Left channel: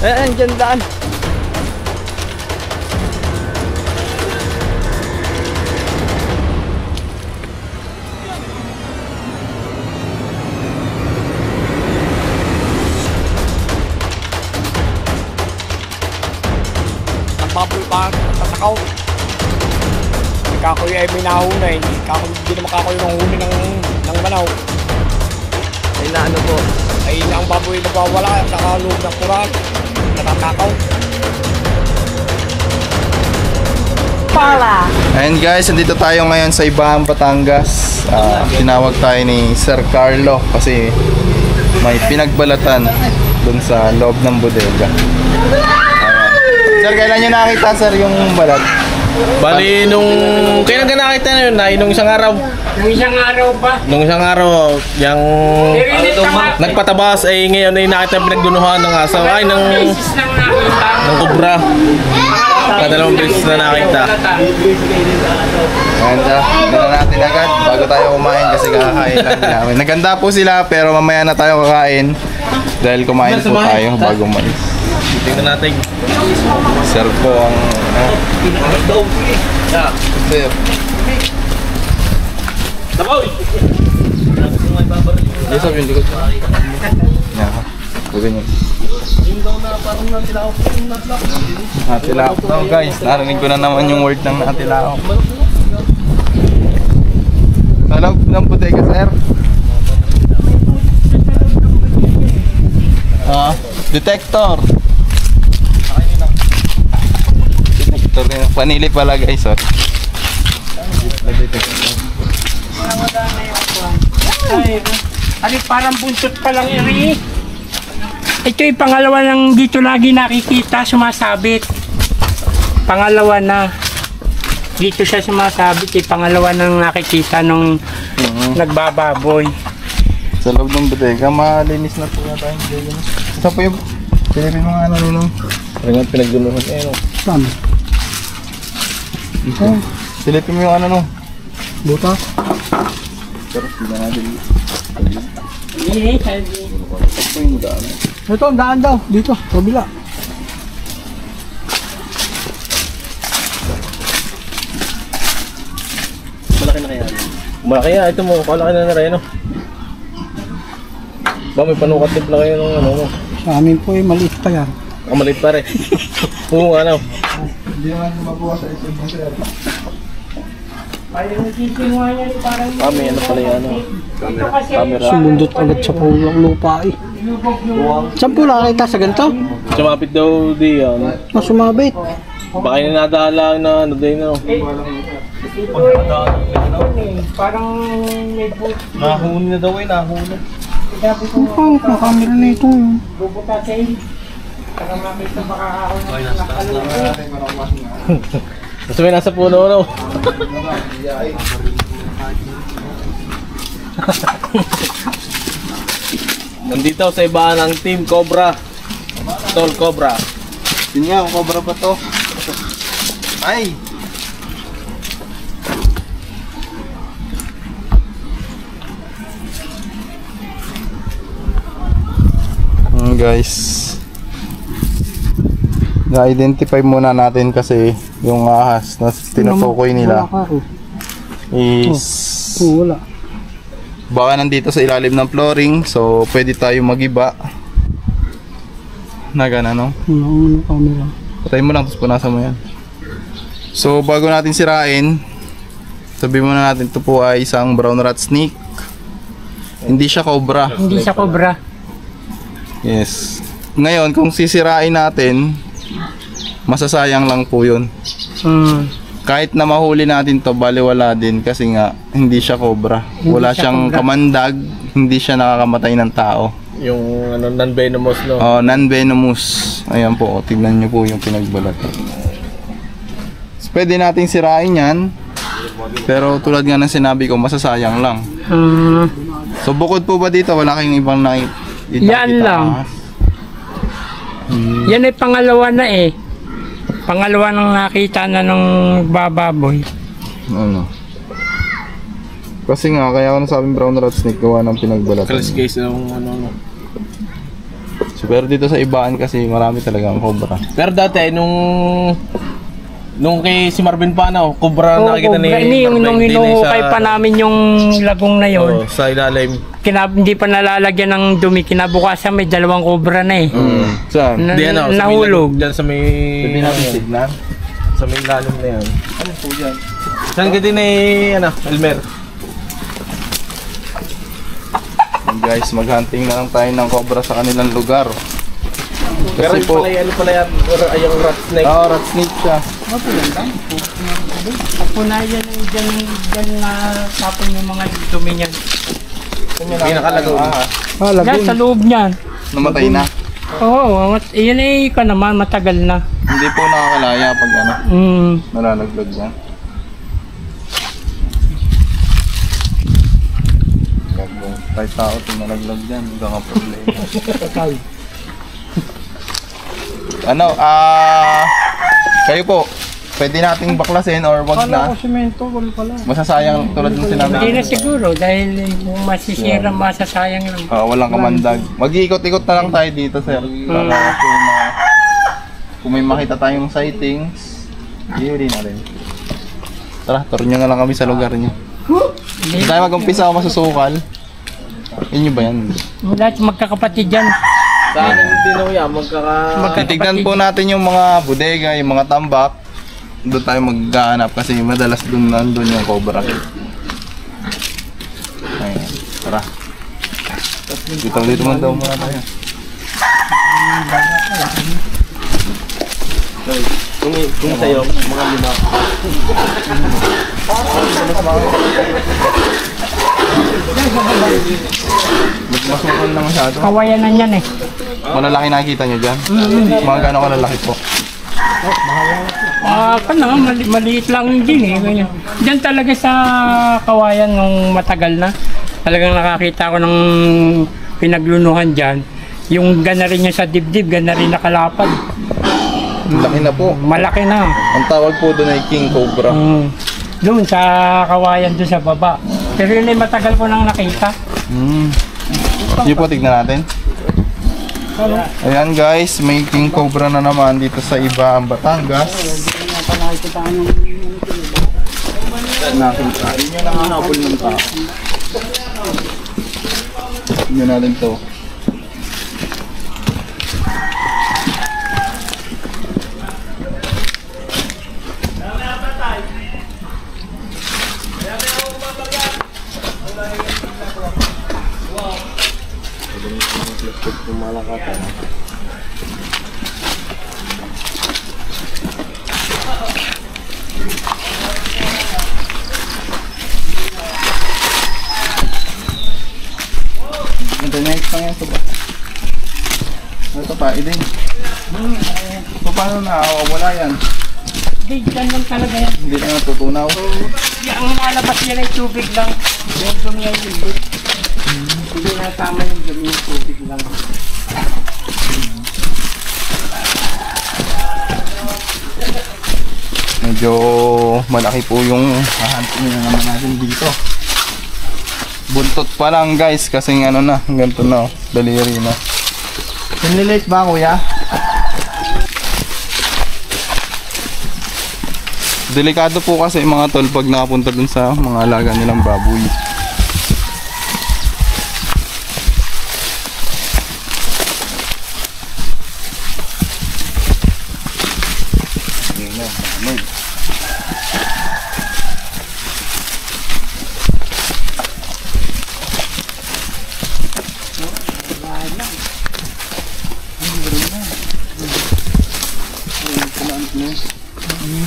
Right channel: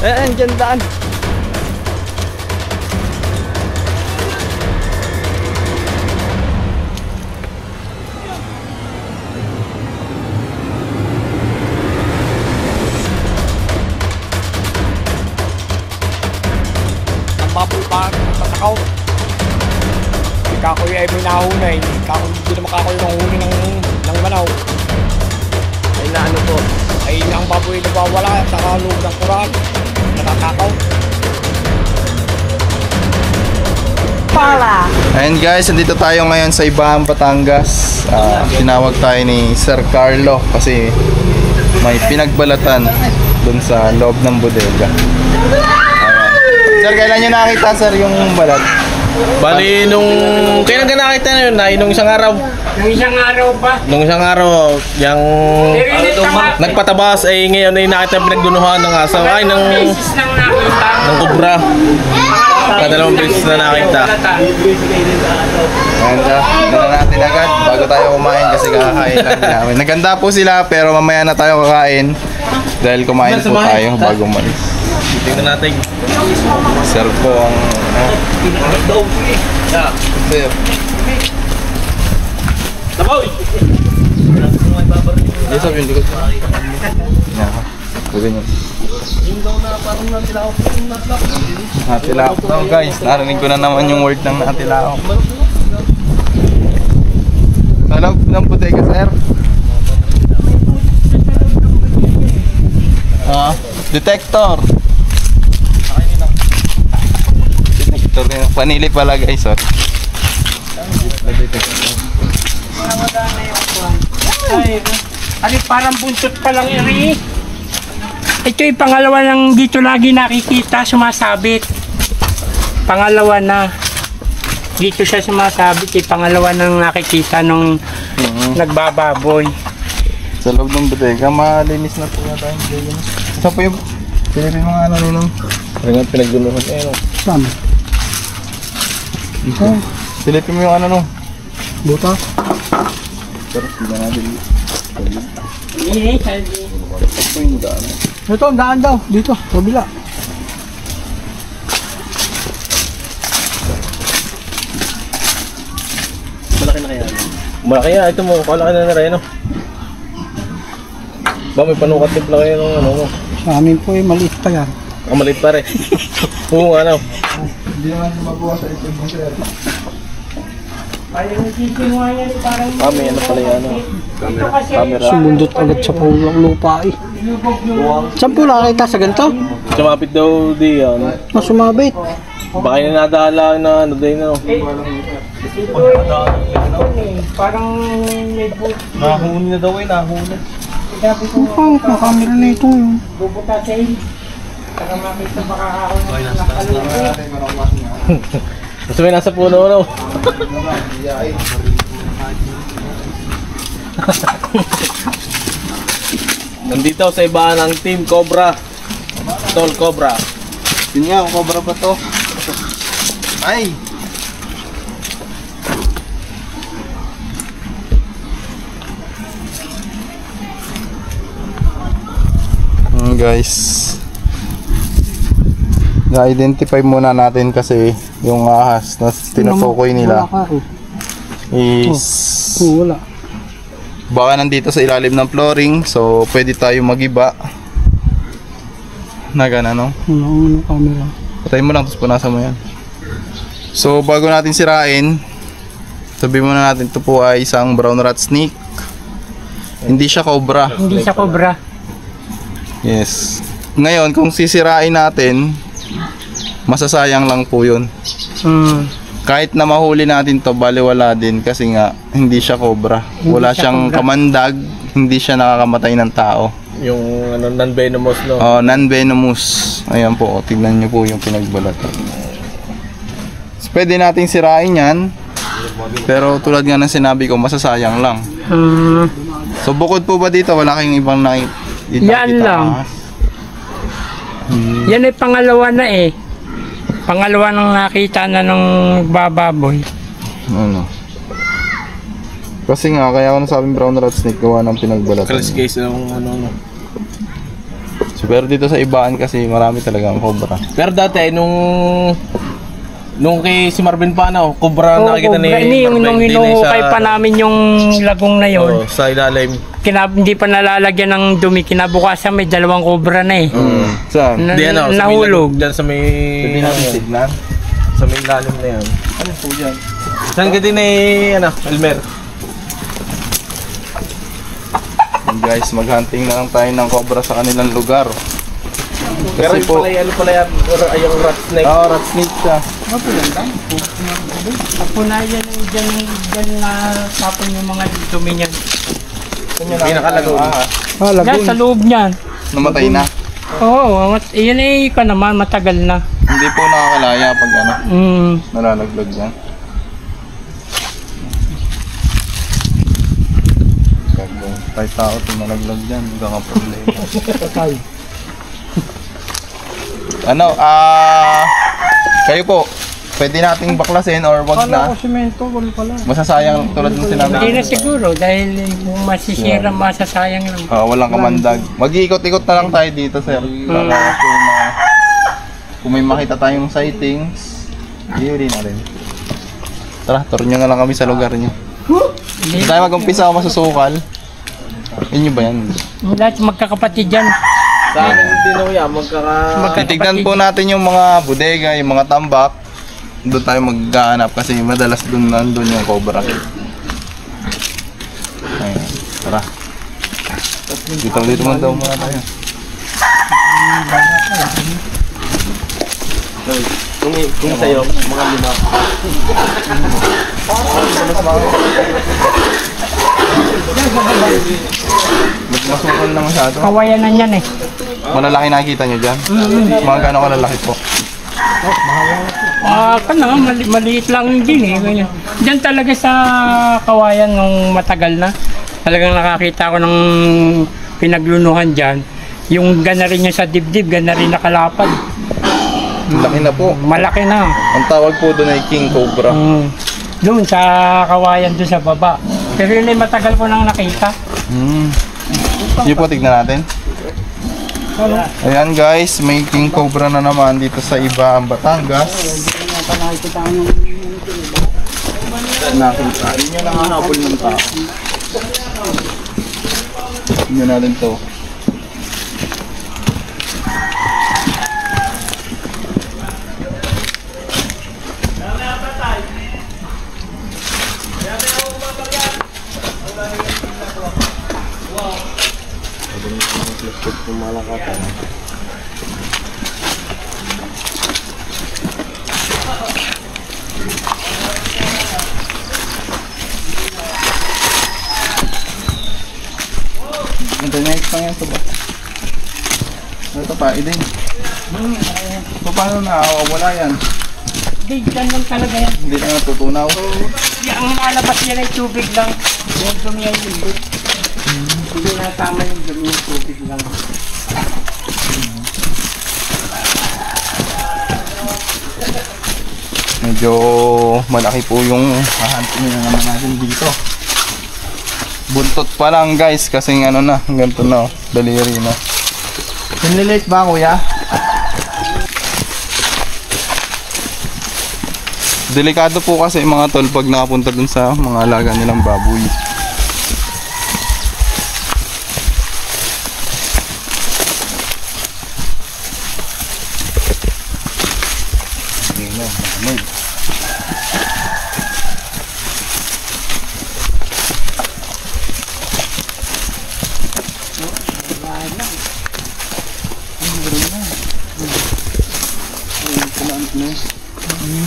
Dyan daan. Ang baboy pa, tatakaw. Kakoy ay may nahunay. Kakoy, hindi naman kakoy ng huni ng manaw. Ay na ano po. Ay ang baboy nagwawala sa kaloob ng kural. Natatakaw. Pala. Ayan guys, nandito tayo ngayon sa Ibahan, Batangas. Tinawag tayo ni Sir Carlo kasi may pinagbalatan dun sa loob ng bodega. Sir, kailan nyo nakita sir yung balat? Bali, kailan ka nakita na yun? Nung isang araw. Nung isang araw pa. Nung isang araw, yung nagpatabas ay ngayon ay nakita pinagdunuhan ng asaw. Ay, ng kubra. Kadalawang beses na nakita. Ganda, na natin agad bago tayo kumain kasi kakain lang namin. Naganda po sila pero mamaya na tayo kakain dahil kumain po tayo bago umalis. Tingnan natin. Sir po ang sir. Yes, sabi yung likod. Yeah. Ganyan. Natilaok daw guys. Narinig ko na naman yung word ng natilaok. Sa loob ng bodega sir. Detector. Detector yun. Panili pala guys. Ay, parang buntot pa lang iri. Ito yung pangalawa lang dito lagi nakikita sumasabit. Pangalawa na. Dito siya sumasabit. Yung pangalawa nang nakikita nung nagbababoy. Sa loob ng bodega, malinis na po na tayo. Saan po yung silipin mga ano nung? Ano nga pinagdunuhan eh, no? Saan? Silipin mo yung ano nung? Buta? Pero hindi natin. Ito yung daan. Ito, ang daan daw. Dito, kabila. Malaki na kaya. Malaki yan. Ito mo, kalaki na rin, no? Ba, may panukat tip lang kayo ng ano mo. Sa amin po ay maliit pa yan. Maliit pa rin. Oo, ano. Hindi naman magawa sa isip mo sir. Ay, nagsisimula yan parang... May ano pala yan, ano. Camera. Sumundot agad sa pulang lupa eh. Saan po nakakita sa ganito? Sumapit daw di yan. Sumabit. Baka yung nadala na ano din, no? Parang may boot. Nahuni na daw eh, nahuni. Sabi ko, ang camera na ito yun. Bubutasin. Saka makita makakahon ng nakalungkot. Gusto may nasa puno, no? Nandito sa Ibahan ng Team Cobra. Tol Cobra. Yun nga, cobra pa to. Ay! Guys, na-identify muna natin kasi yung ahas na tinutukoy nila is wala. Baka nandito sa ilalim ng flooring, so pwede tayo magiba na gana, no? Wala camera. Patayin mo lang, tapos punasan mo yan. So bago natin sirain, sabihin muna natin ito po ay isang brown rat snake. Hindi siya cobra. Hindi siya cobra. Yes. Ngayon, kung sisirain natin, masasayang lang po yun. Kahit na mahuli natin to, baliwala din kasi nga hindi siya cobra. Wala siyang kamandag, hindi siya nakakamatay ng tao. Yung ano, non-venomous, no? Oh, non-venomous. Ayan po, tignan nyo po yung pinagbalat. So, pwede nating sirain yan, pero tulad nga ng sinabi ko, masasayang lang. So bukod po ba dito, wala kayong ibang nakikita? Yan lang. Yan ay pangalawa na eh. Pangalawa nang nakita na nung bababoy. Ano? Kasi nga, kaya ako nasabing brown rat snake gawa ng pinagbalatan. Kalas guys, ano. So Pero dito sa ibaan kasi marami talagang cobra. Pero dati, nung kay si Marvin pa, Cobra nakikita ni Yung nung Marvin. hinuhukay pa namin yung lagong na yon. Sa ilalim. Hindi pa nalalagyan ng dumi. Kinabukasan may 2 cobra na eh. Saan? Di Nahulog. Diyan sa may... Pwede natin tignan. Sa may ilalim na yan. Ano po yan? Saan ka din Elmer? Guys, maghunting na lang tayo ng cobra sa kanilang lugar. Pero Kasi po, ano pala yan? Yung rat snake. rat snake siya. Kapunayan yung dyan na tapon yung mga dumi niyan. Pinakalagaw. Yan sa loob niyan. Namatay na. Oo, yun eh ka naman, matagal na. Hindi po nakakalaya pag nalalaglag yan. Kahit tao ito nalaglag dyan, hanggang ang problema. Kayo po, pwede nating baklasin or wag na. Masasayang tulad ng sinabi. Hindi na siguro dahil kung masisira, masasayang lang. Walang kamandag. Mag-iikot-ikot na lang tayo dito, sir. Para kung may makita tayong sightings, ihuli na rin. Tara, tour nyo na lang kami sa lugar nyo. Hindi tayo mag-umpisa o masusukal. Inyo ba yan? Lahat magkakapatid dyan. Sa akin din ako yan, Titignan po natin yung mga bodega, yung mga tambak. Doon tayo maghahanap kasi madalas doon nandun yung cobra. Ayan, tara. Dito man daw muna tayo. Kung sa'yo, mga 5. Masukal na masyado. Kawayanan yan eh. Malalaki nakikita nyo dyan? Mga gano'ng kalalaki po? Maliit lang din eh. Ganyan. Diyan talaga sa kawayan nung matagal na. Talagang nakakita ko ng pinaglunuhan dyan. Yung gana rin niya sa dibdib, gana rin nakalapad. Laki na po. Malaki na. Ang tawag po doon ay King Cobra. Doon sa kawayan doon sa baba. Pero yun ay matagal ko nang nakita. Yun po, tignan natin. Ayan guys, may King Cobra na naman dito sa iba ang Batangas. Nakita. Yun yung nanganapol ng tao. Tignan natin to. Internet pa yan ito ba? Ito pa, idin. Paano nakawawala yan? Hindi, dyan lang talaga yan. Hindi na natutunaw. Ang nalabas yan ay tubig lang. Yung dumi ay hindi. Hindi na tama yung dumi yung tubig lang. Medyo malaki po yung hahantin na naman natin dito. Buntot pa lang guys, kasing ano na, ganito na, daliri na. Pinilate ba kuya? Delikado po kasi mga tol pag nakapunta dun sa mga alaga nilang baboy.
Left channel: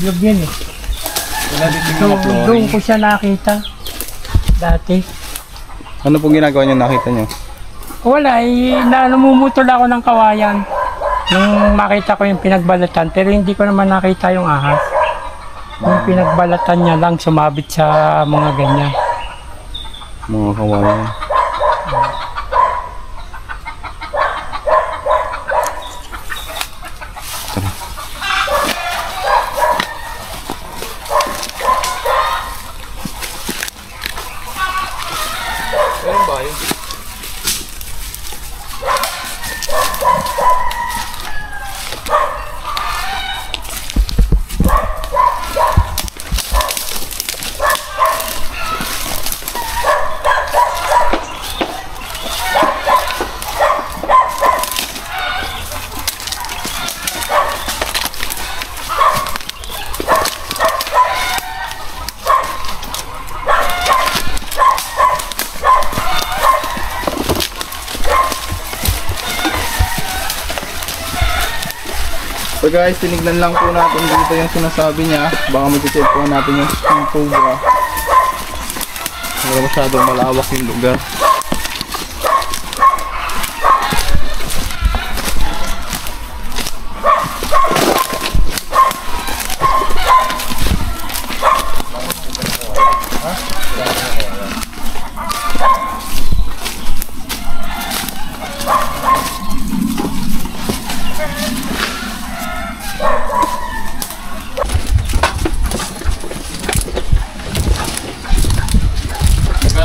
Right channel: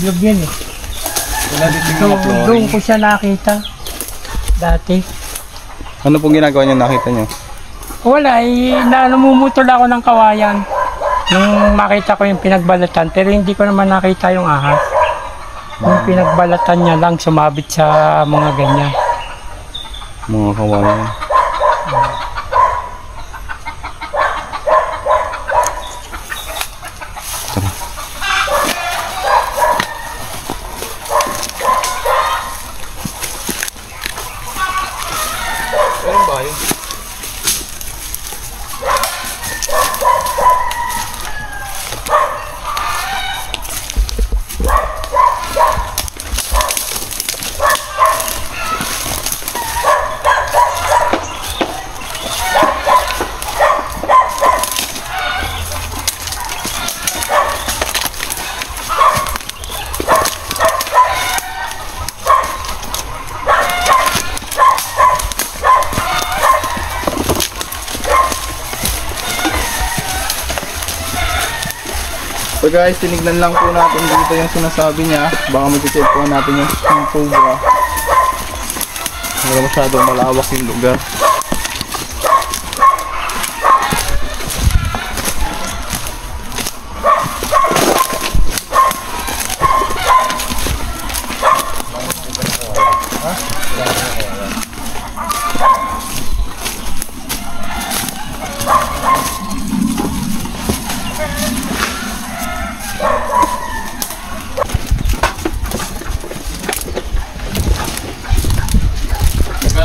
Ilog yan eh. Doon ko siya nakita. Dati. Ano pong ginagawa niyo nakita niyo? Wala, namumutol ako ng kawayan. Nung makita ko yung pinagbalatan, pero hindi ko naman nakita yung ahas. Yung pinagbalatan niya lang sumabit sa mga ganyan. Mga kawayan. guys, tinignan lang po natin dito yung sinasabi niya. Baka mag-check po natin yung cobra. Wala masyadong malawak yung lugar.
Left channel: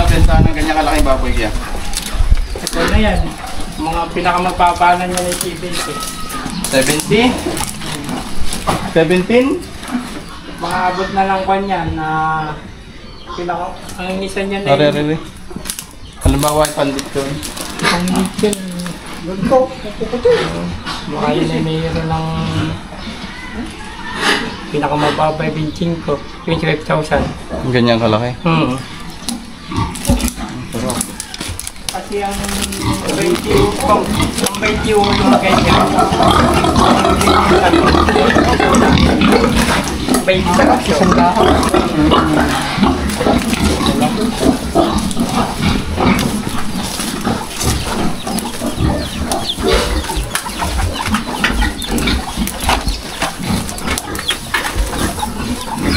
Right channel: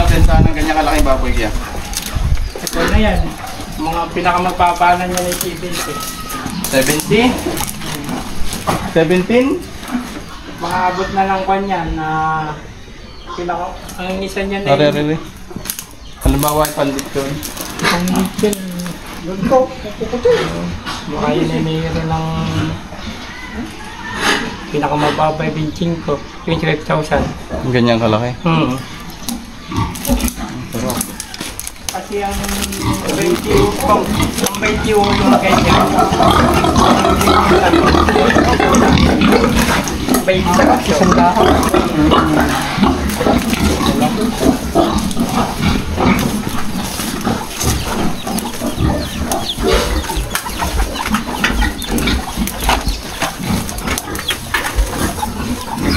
Bentahan ng ganyan kalaking baboy kaya? Ito na yan. Mga pinakamagpapanan niya na yung 70? 17? Makaabot na lang kwan yan na ang isa niya na Really? Halimbawa yung pandit yun. ang little ganito. Baka yun ay mayroon ng pinakamababa yung benching ko, 25,000. Ganyan kalaki? Kasi ang 21 yung ganyan. 20 isang dahon.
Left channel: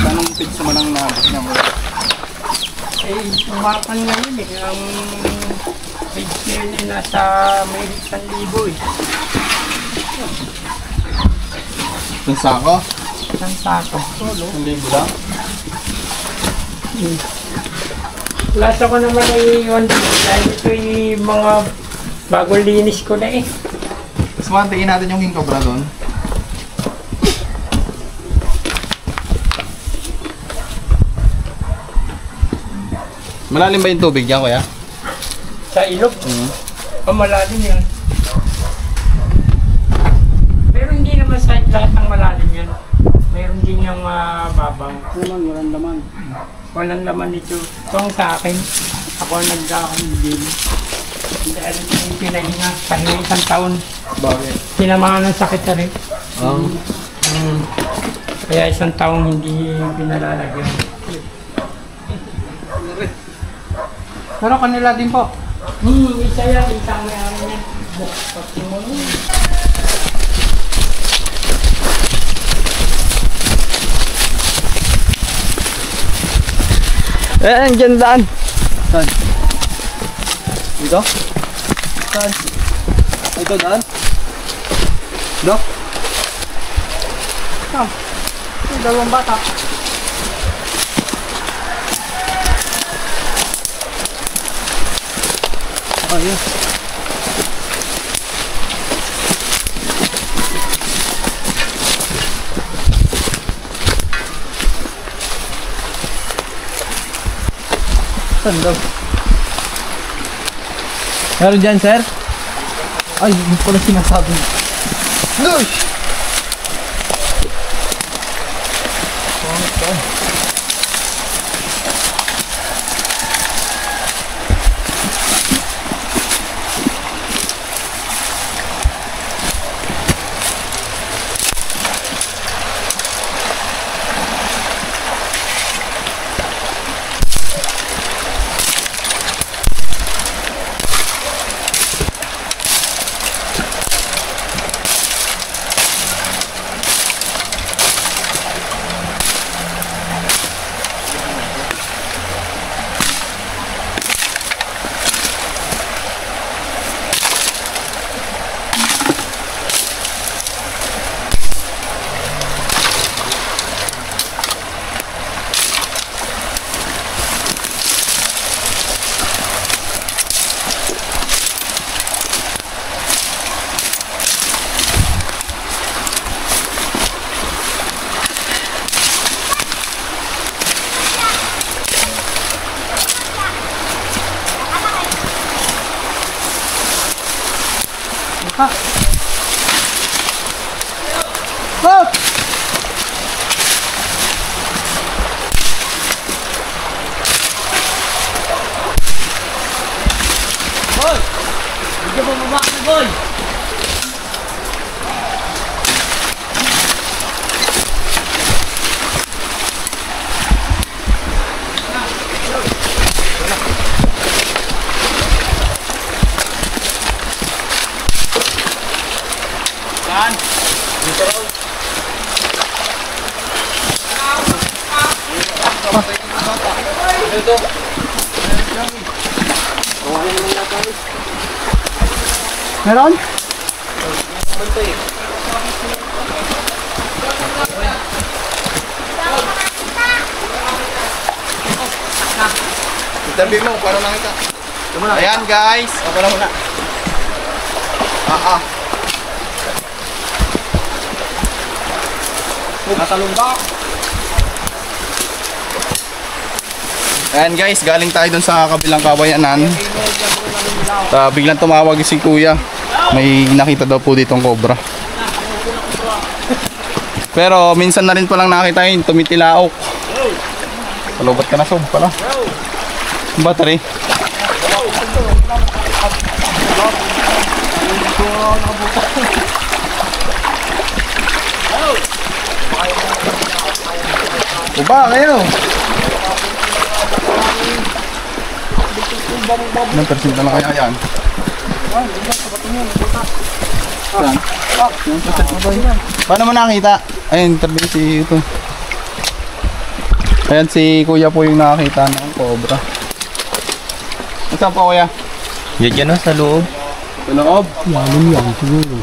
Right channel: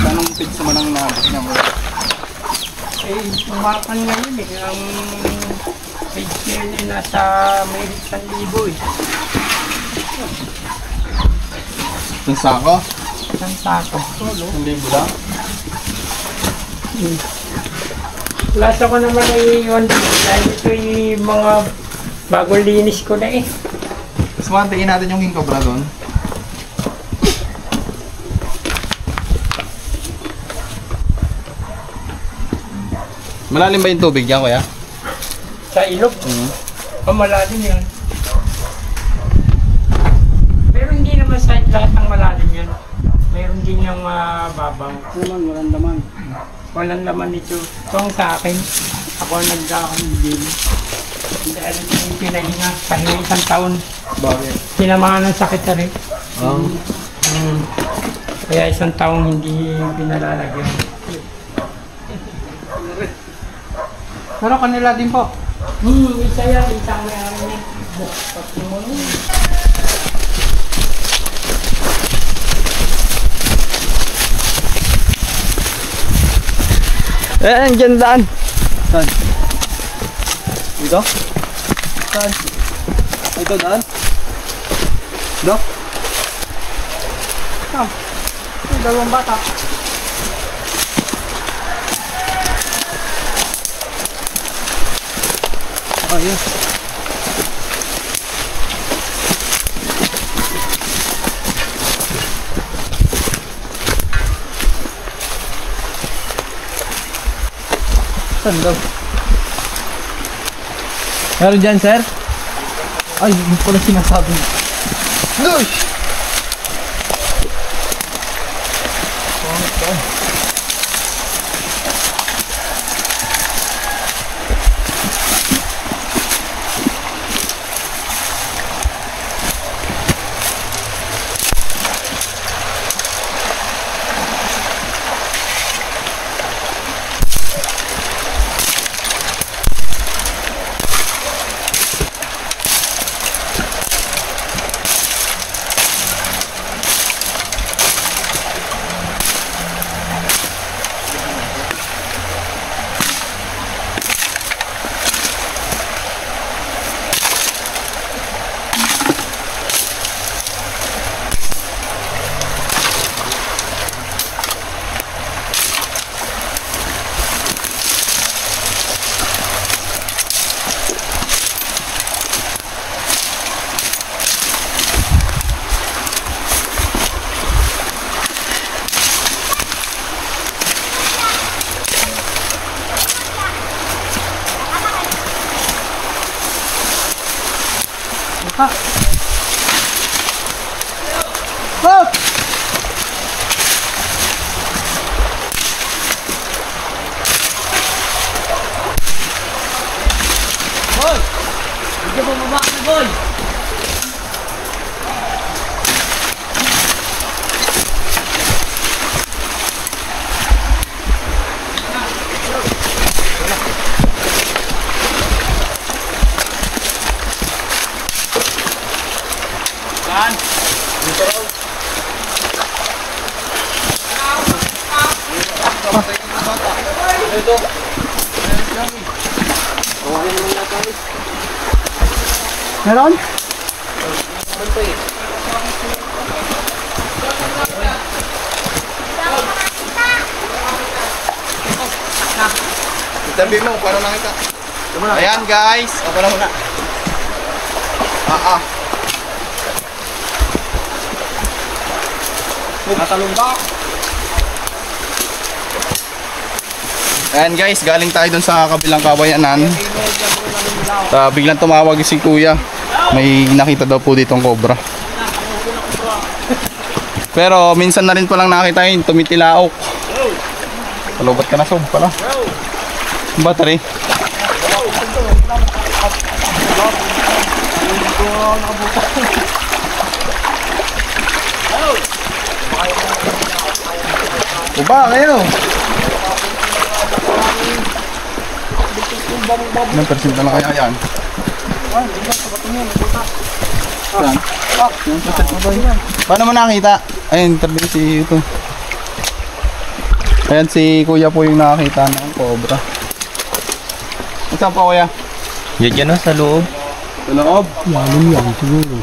Anong pizza man ang naabot niya mo? Eh, tumakan ngayon eh. Ang page niya yun ay nasa may 1,000 eh. Yung sako? Isang sako. 1,000 lang? Lasa ko naman ay yun. Dahil ito yung mga bagong linis ko na eh. Tapos mantiin natin yung king cobra doon. Malalim ba yung tubig niya, kuya? Sa ilog. Malalim yan. Pero hindi naman sa lahat ng malalim yan. Meron din yung babaw. Walang laman. Walang laman ito. Ito ang sa akin. Ako ang nagdakang din. Dahil ito yung pinahinga. Pahinga 1 taon. Bakit? Sinamahan ng sakit na rin. Kaya 1 taong hindi pinalalagyan. Pero kanila din po. Isa yan. Isang mayroon niya. Pati mo nun. Andyan daan. Saan? Dito? Saan? Ito daan? Dok? Yung 2 bata. Ayun. Saan daw? Meron dyan, sir? Ay, hindi pala sinasabi. Lush! Hop! Boy! Hindi mo bumaba ka, boy! Meron? Itabi mo, para nakita. Ayan guys, ako na muna. Natalumbak. Ayan guys, galing tayo dun sa kabilang kabayanan. Biglang tumawag si kuya. May nakita daw po ditong cobra. Pero minsan na rin palang nakita yun, tumitilaok. Palubat ka na sob pala. Battery. Uba kayo. Ilang persinta na kaya yan? Saan? Paano mo nakita? Ayun, interview si ito. Ayan si kuya po yung nakakita ng cobra. Saan po kuya? Yan na sa loob. Sa loob? Lalim yan siguro.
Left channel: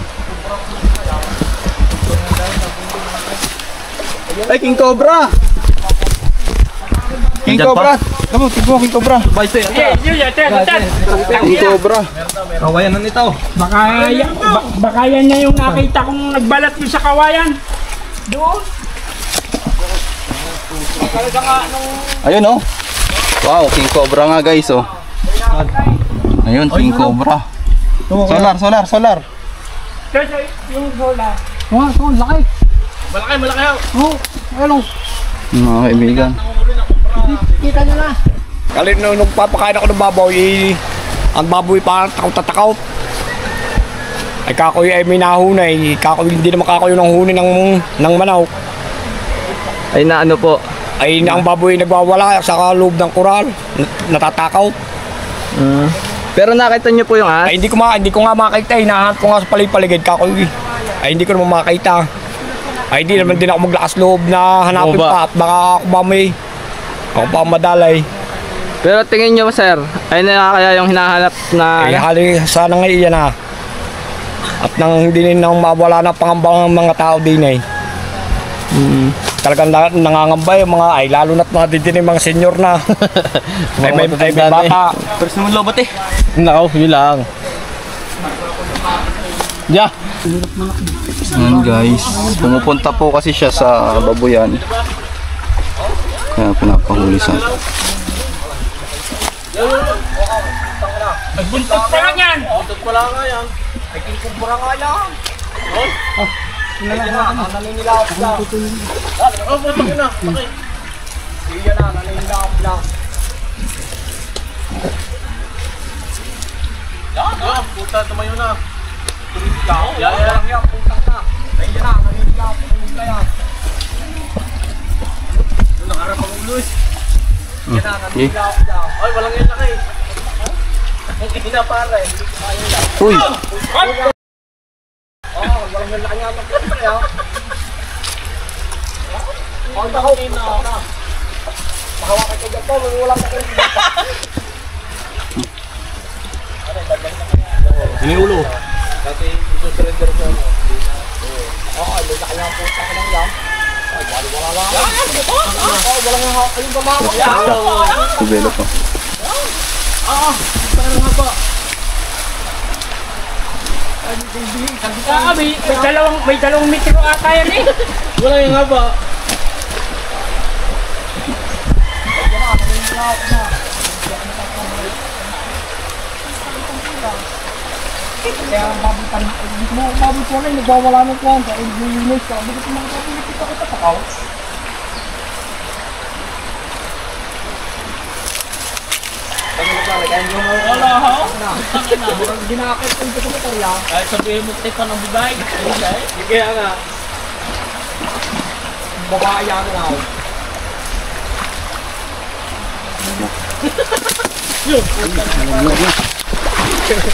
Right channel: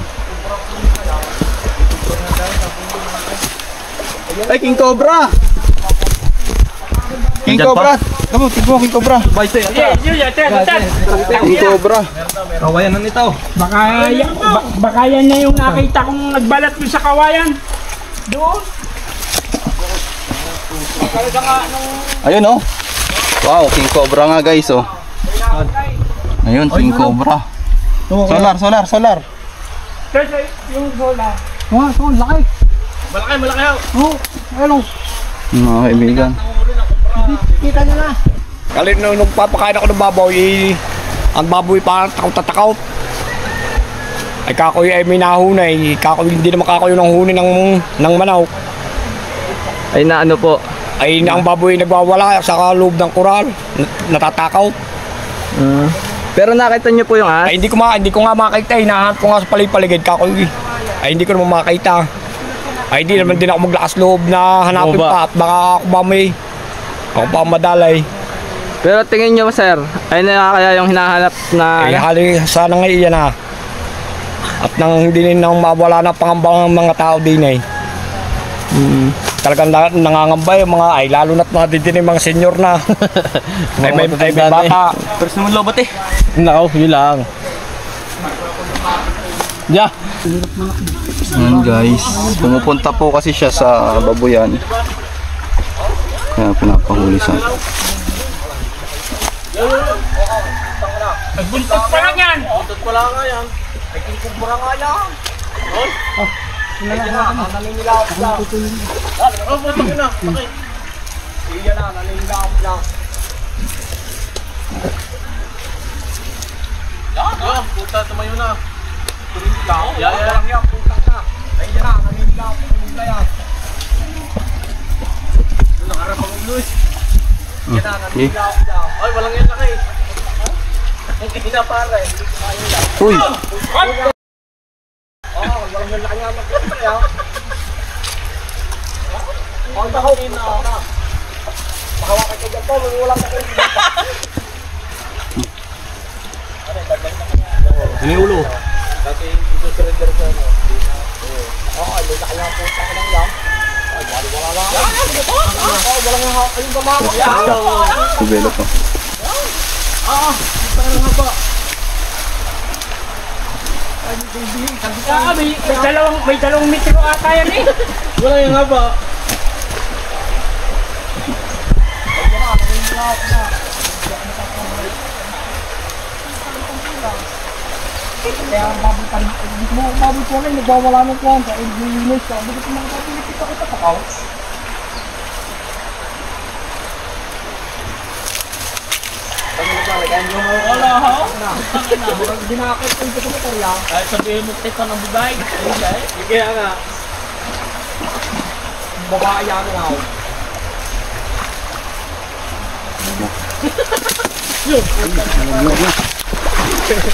Ay, King Cobra! King Cobra! Tama, tigmo King Cobra. King Cobra. Kawayan na nito. Baka yan na yung nakita kong nagbalat mo sa kawayan. Doon. Ayun oh. Wow, King Cobra nga guys oh. Ayun, King Cobra. Solar. Yung bola. Wah, ito, laki. Malaki ho. Oh, ayun. Mga kaibigan. Kita nyo na. Kalit nung nagpapakain ako ng baboy, ang baboy parang takot-takot. Ay kakoy ay may nahunay, kakoy hindi naman kakoy ng huni ng manok. Ay na ano po? Ay ang baboy nagwawala sa loob ng kural, natatakot. Pero nakita nyo po yung as? Ay hindi ko nga makita, hinahanap ko nga sa paligid kakoy. Ay hindi ko naman makita. Ay hindi naman din ako maglakas loob na hanapin pa at baka ako pa madalay. Pero tingin nyo sir, ay na kaya yung hinahanap na Ay hali sana nga iyan na. At nang hindi nang mawala na pangamba ng mga tao din eh. Talagang nangangamba yung mga ay lalo na't nadidinig mga senior na. ay may bata. Pero sa mga lobat eh. Nako, yun lang. Yeah. Ayan guys, pumupunta po kasi siya sa babuyan. Kaya pinapahuli sa Nagbuntot pa lang yan. Ay kinukumpura nga yan. Naninilawap lang. Iyan na, naninilawap lang. Puta, tumayo na. Walang yan, puntang na. Iyan na, naninilawap lang. Nakaharap ang ulo eh. Iyan na, naninilawap lang. Ay, walang yan laki. Hindi na pare. Uy! Walang yan laki nga magkakaya. Ang tahaw. Mahawak ka dyan po, walang laki. Ini ulo. Kasi isusurrender ko ano. Oo, may laki nga po sa kanang lang. Ay, wala lang. Walang nga kayong gumamit. Kubelo po. May dalawang metro ata yan eh. Wala yung haba. Kaya baboy po rin, nagwawala ng kwanta. Eh, linis ka. Bakit yung mga kapilipit ako tatakaw? Wala ho. Ginakit ko yung sekretarya. Ay, sabihin mo tayo ng bibay. Kaya nga. Babae yan nga.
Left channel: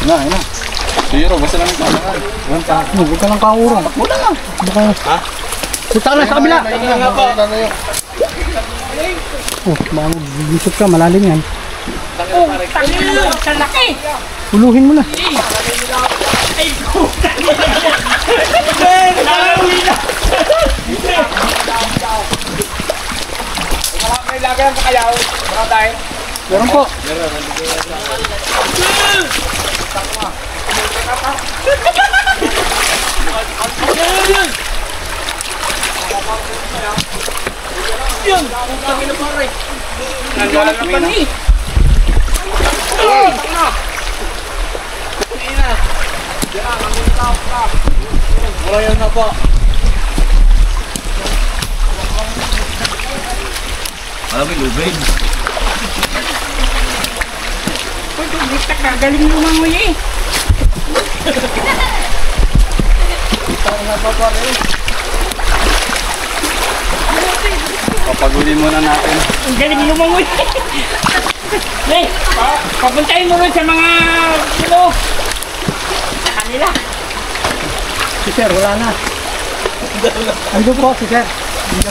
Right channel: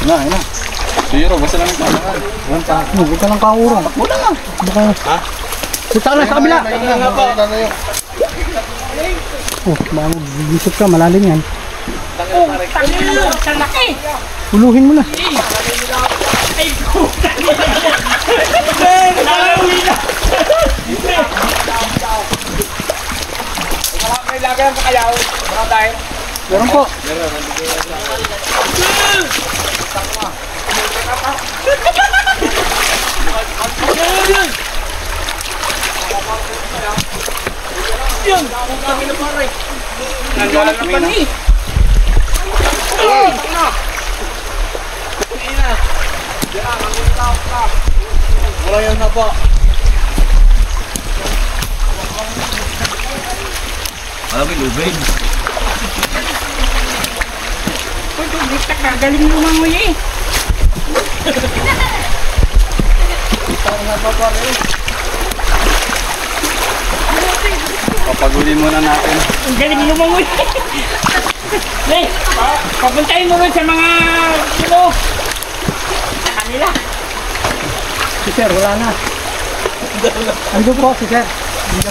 Na. Zero, basta lang ito. Huwag ka lang kaurong. Wala nga. Ha? Punta ka na sa kabila. Oh, baka mag-isip ka, malalim yan. Oh, tangin sa laki. Uluhin mo na. Ay, puta. Nalawi na. May lagay ang kakayaw. Baka tayo. Meron po. Nagalang na pa ni. Wala yan na po. Alam mo, lubid. Uy, bigtak ka. Galing mo mga nguyi. Papagulin muna natin. Ang galing mo mga nguyi. Hey, papuntahin mo rin sa mga sa kanila. Si sir, wala na. Ando po, si sir.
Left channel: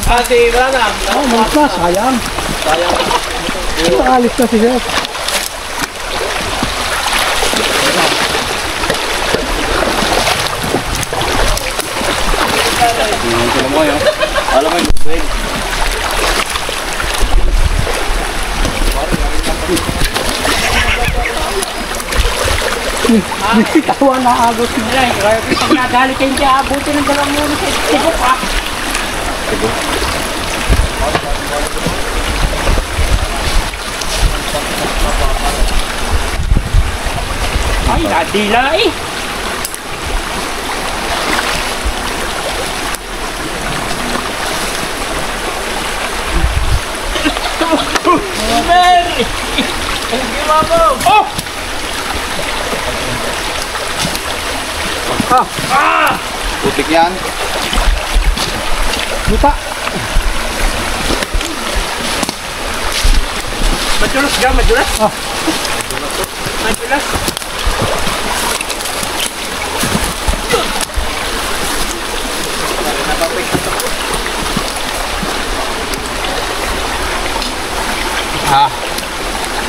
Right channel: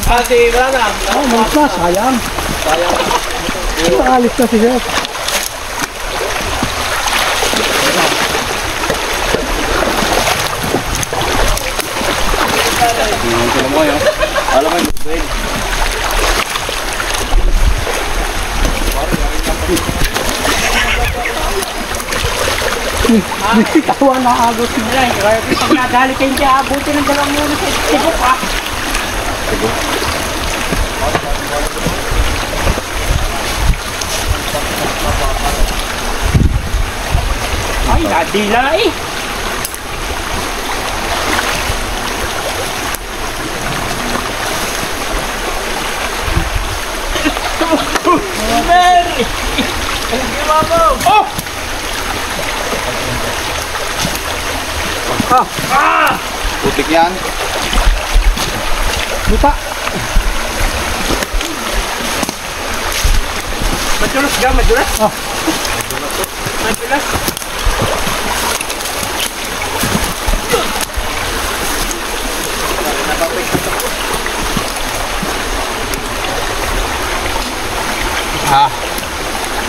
Wala na. Oh, malis na, sayang. Alis na si sir. Alam mo yun. Alam mo yun, lubid. Tawa na agos mo. Pag nadali kayo dyan, abutin ng dalawang muna sa tibok ha. Ay, nadila eh. Mary! Oh! Putik yan. Buta. Madulas ka, madulas. Madulas.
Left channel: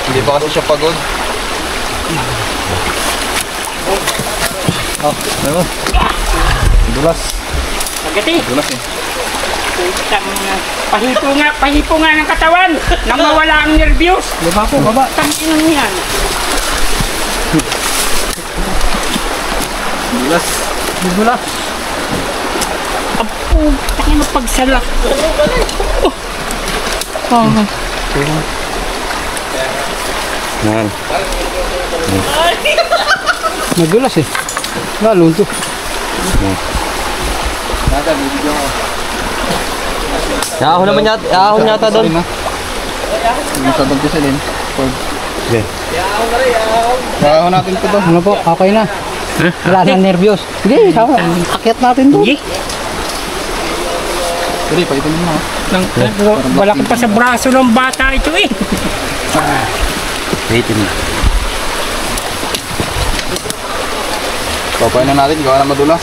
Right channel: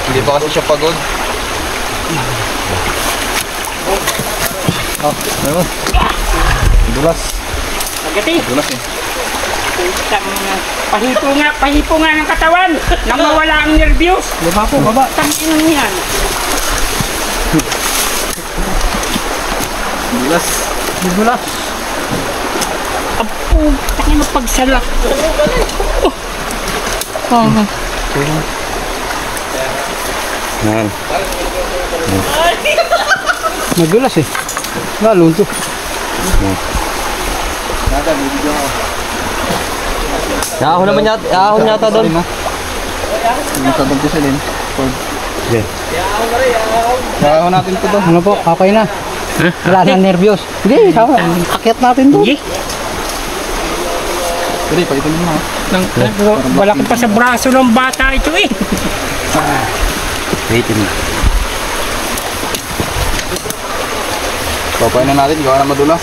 Hindi pa kasi siya pagod. Ayun. Dulas. Magati. Dulas eh. Pahipo nga ng katawan nang mawala ang nervyos. Baba po, baba. Tangin mo yan. Dulas. Bibula. Apo, tangin mo pagsalak. Yan. Nagulas eh. Nalunto. Nada, bibigyan ko. Ahon naman yata, ahon yata doon. Yung sa doon si Celine. Okay. Ahon natin ito doon. Ano po? Okay na. Wala na nervyos. Sige, sama. Akyat natin doon. Sige. Sige, paitin mo na. Malaki pa sa braso ng bata ito eh. Paitin mo. Papain na natin, gawa na madulas.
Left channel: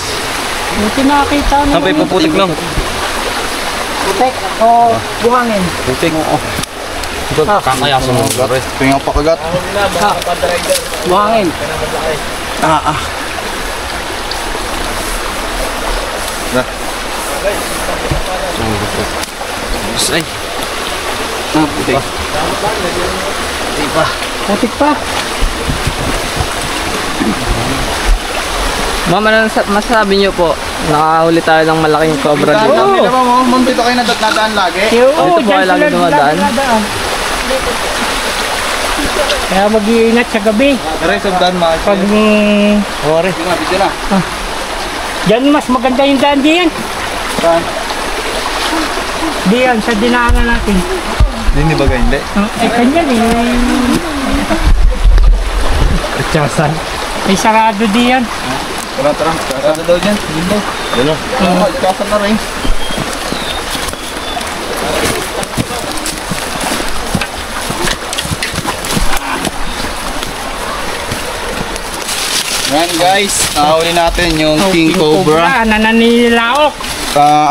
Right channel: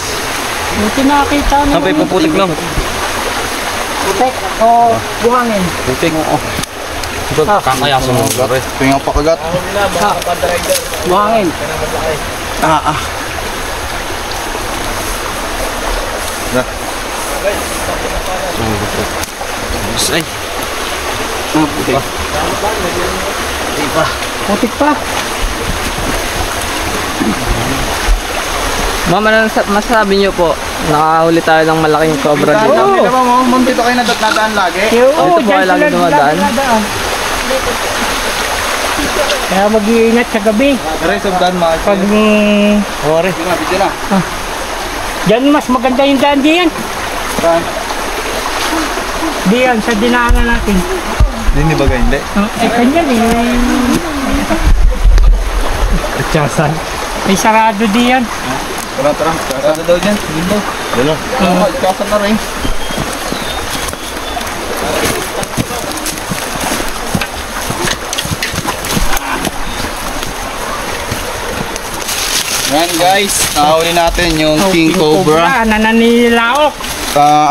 Buti nakakita mo. Saan pa ipuputik lang? Putek o buhangin. Putik. Oo. Ito, kakayasan mo. Tingnan pa kagat. Buhangin. Ay. Putik. Putik pa. Ma'am, ano masasabi niyo po? Nakahuli tayo ng malaking cobra dito. Hindi naman mo, ma'am, dito kayo nadaan lagi. Dito po kayo lagi dumadaan. Kaya mag-iingat sa gabi. The rest of daan, mga Pag Ore. Bidyo na. dyan mas maganda yung daan diyan. Saan? Diyan sa dinaanan natin. Hindi ba hindi? Eh kanyan eh. Atyasan. Ay sarado diyan. Tara, tara. Kasada daw dyan. Lindo. Dalo. Kasada na rin. Yan guys, nahuli natin yung King Cobra. Nananilaok.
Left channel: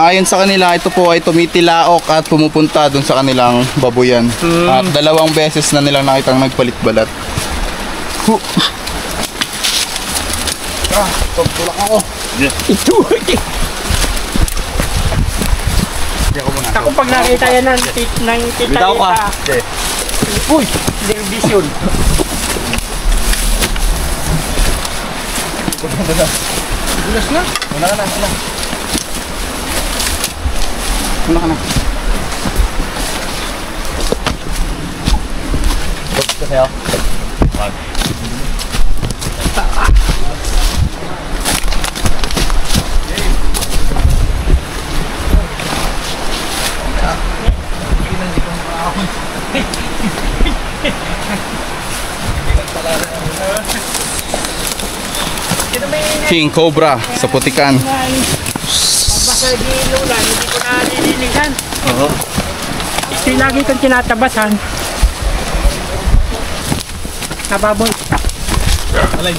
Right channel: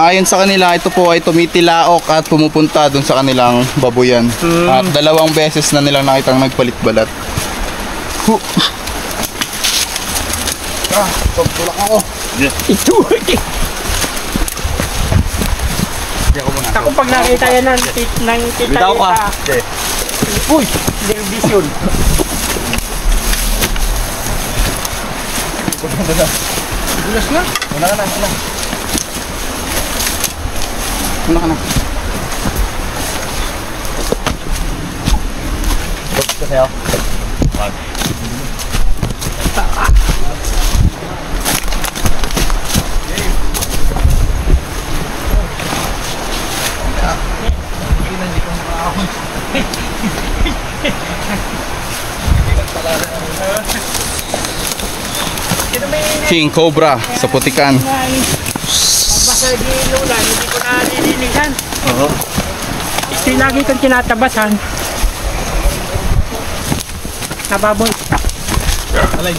Ayon sa kanila, ito po ay tumitilaok at pumupunta dun sa kanilang babuyan. At 2 beses na nilang nakitang nagpalit balat. Tulak ako. Ito. Ako pag nakita yan ng tita. Bitaw ka. Uy, television. Dulas na. Una ka na. Una ka na. King Cobra sa Putikan. Basta di lulan, hindi ko na nililigan. Oo. Ito lagi kong tinatabasan. Nababoy. Alay.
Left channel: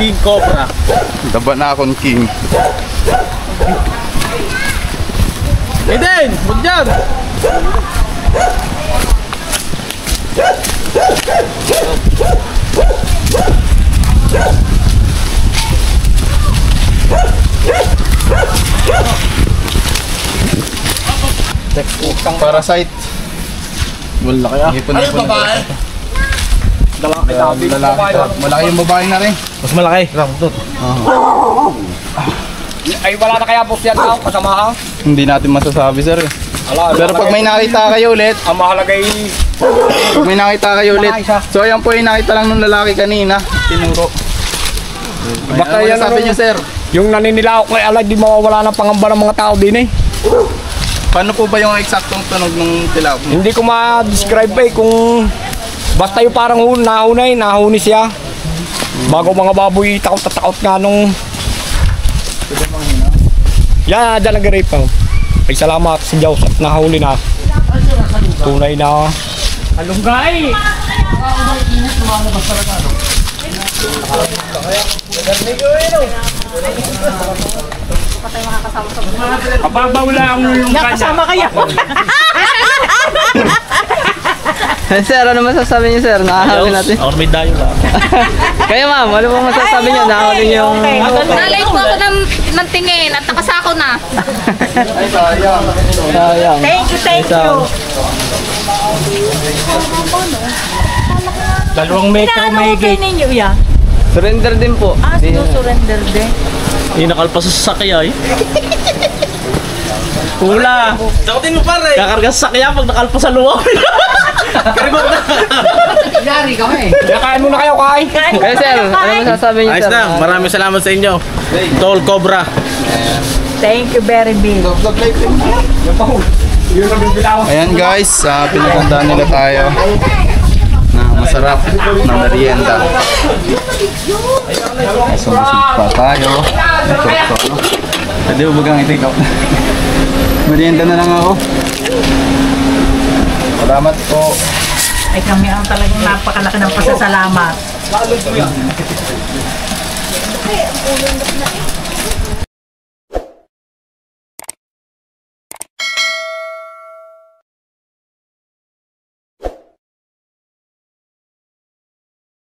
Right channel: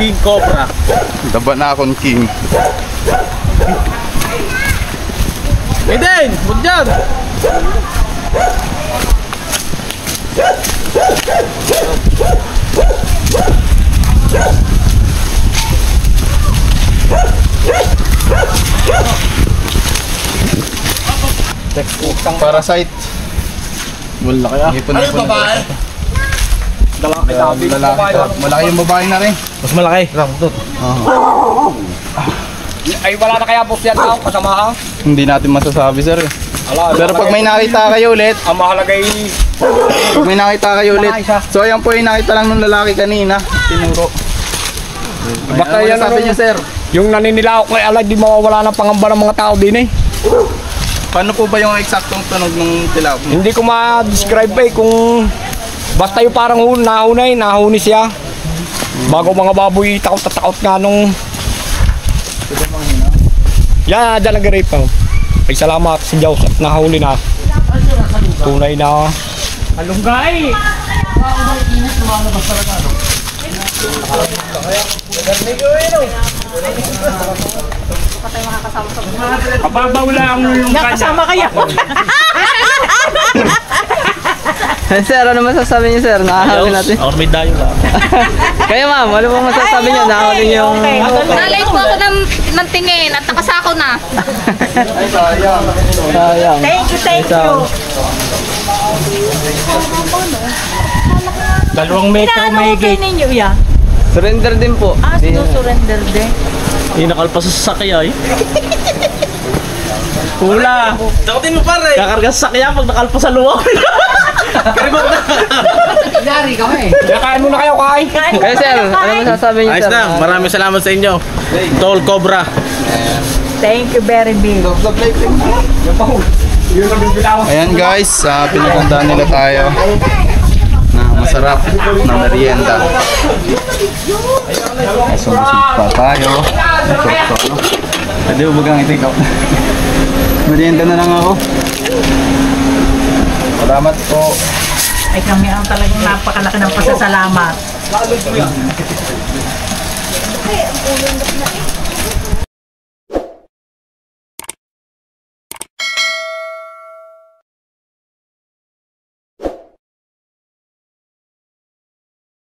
King Cobra. Daba na akong king. Eden, huwag dyan. Parasite. Wala kaya. Ano babae? Lalaki. Malaki yung babae na rin. Mas malaki. Ramtot. Ay wala na kaya boss yan tao kasama ha? Hindi natin masasabi sir. Ala, Pero pag may nakita kayo ulit, ang mahalaga ay pag may nakita kayo ulit. So ayan po yung nakita lang ng lalaki kanina. Tinuro. baka Ano yan sabi niyo sir? yung naninilaok kay alay di mawawala ng pangamba ng mga tao din eh. Paano po ba yung eksaktong tunog ng tilapia? Hindi ko ma-describe eh kung basta yung parang nahuni siya. Bago mga baboy takot at takot nga nung yan, dyan nag-rape pa. Ay salamat sa Diyos at nahuli na. Tunay na. Alunggay! Kababaw lang ang lulungga Kasama kaya. Sir, ano masasabi niyo sir? Nakahuli natin. Ako may dayo lang. Kayo ma'am, ano po masasabi niyo? Nakahuli niyo yung... Nalay po ako ng tingin at nakasako na. Sayang. Thank you. Dalawang metro may Inaano kayo gate. ninyo yan? Surrender din po. Sinusurrender din. Inakalpa sa sasakyan. Pula. Sakutin mo pare. Kakarga sa sasakyan pag nakalpa sa luwag. Karibok na. Nakain muna kayo kain. Kayo sir, ano masasabi niyo Ayos sir? na. Maraming salamat sa inyo. Tol Cobra. Thank you very big. Ayan guys, pinagandaan nila tayo na masarap na merienda. Busog pa tayo. Pwede mo bagang i-take out. Merienda na lang ako. Salamat po. Ay kami ang talagang napakalaki ng pasasalamat.